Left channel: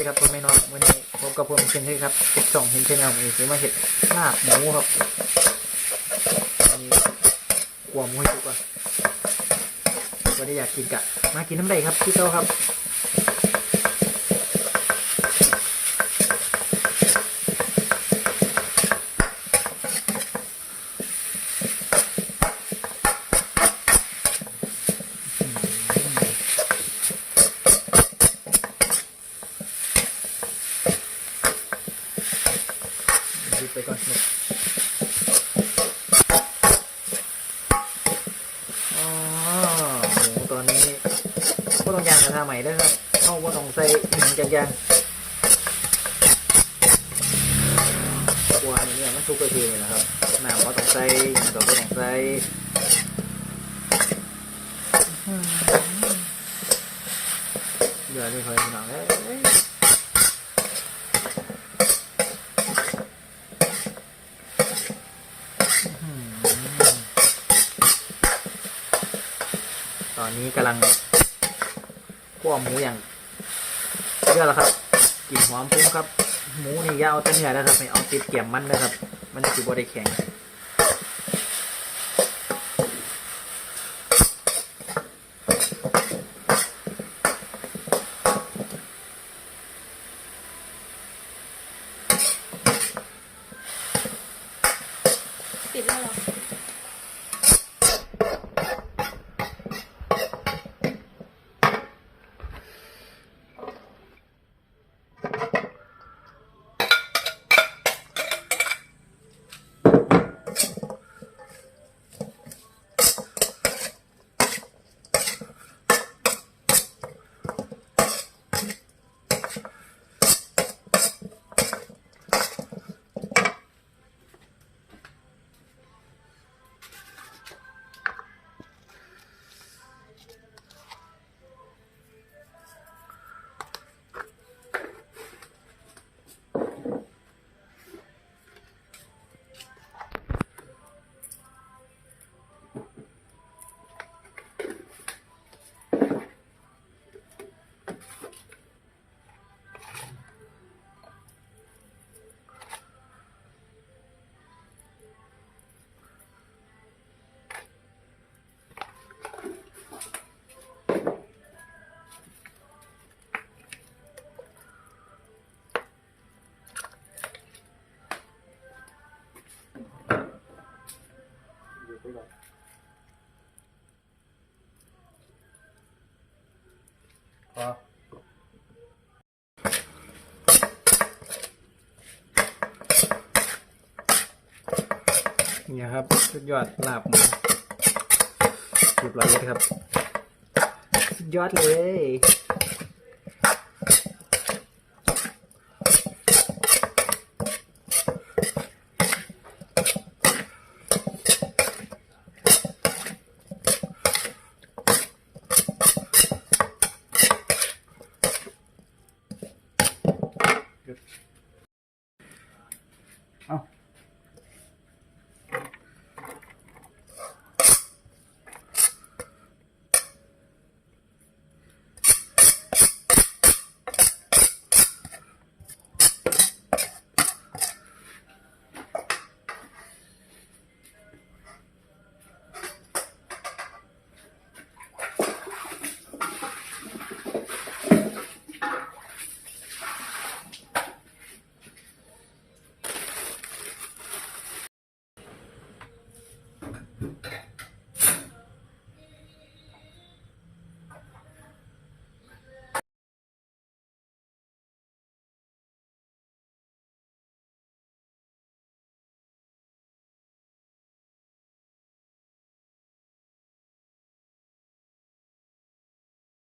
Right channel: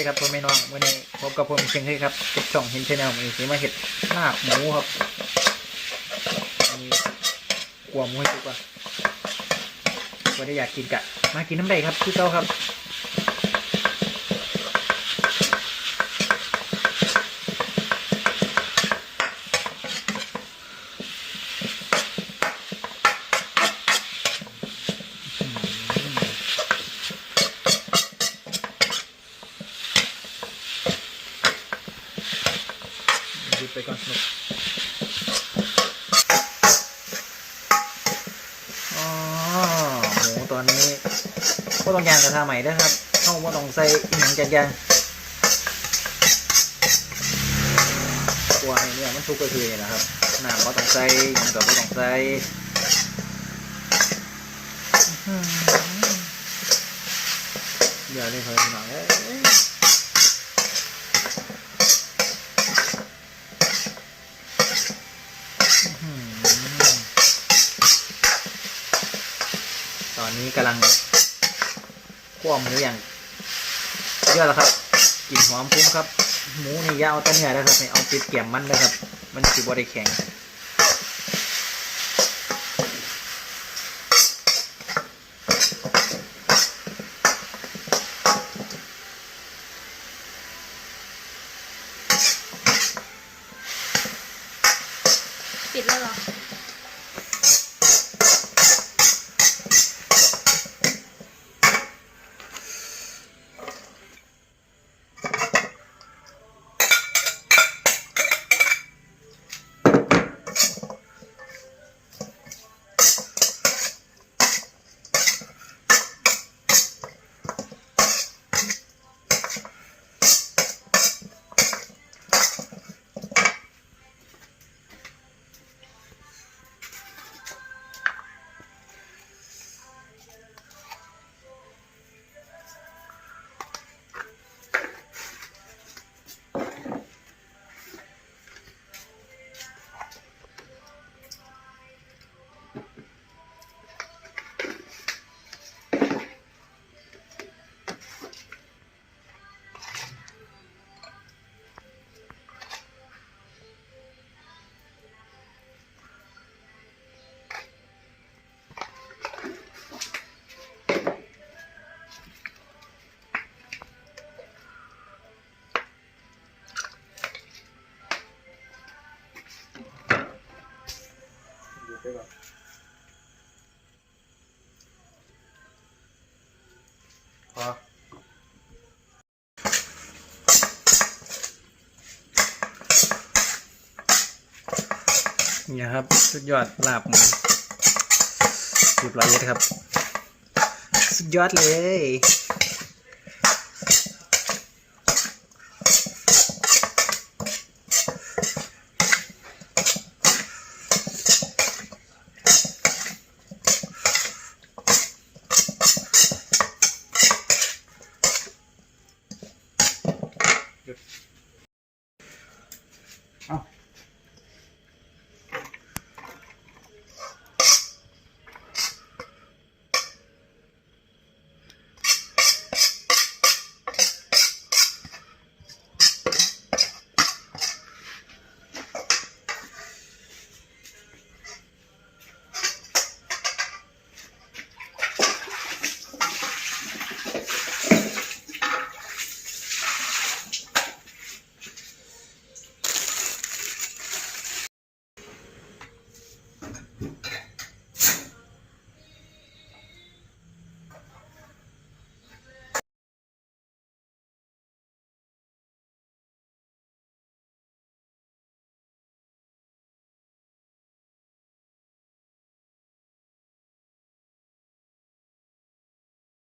ดีครับพ่อแม่น้องวันนี้พบกับผมเช่นเคยครับกับช่องเห็นชแนลมีสีมาเห็ดลาบหมูครับอันนี้กลัวหมูให้สุกก่อนวันนี้อยากกินกะมากินน้ำใดครับพี่เต้าครับ ไปก่อนหนุกอ๋อหมูตอนนี้ก็ต้องยางกระทะใหม่ด้วยครับเข้าว่าต้องใส่หย่างจัดยางกลัวไอ้เนี่ยมันทุกข์ก็คือนี่นะครับหน้ำก็ต้องใส่หย่างกับก็ต้องใส่เดือเดี๋ยวนี่คอยหนังเอ้ยอืมตอ นี้กำลังคั่วหมูอย่างเยอะแล้วครับกลิ่นหอมฟุ้งครับ หมูนี่ยาวต้นใหญ่แล้วครับไม่เอาติดเกี่ยมมันเลยครับ มันสิบได้แข็งปิดแล้วหรอ อเนี่ยครับสุดยอดลาบหมูสิบร้อยเลยครับ สุดยอดเลย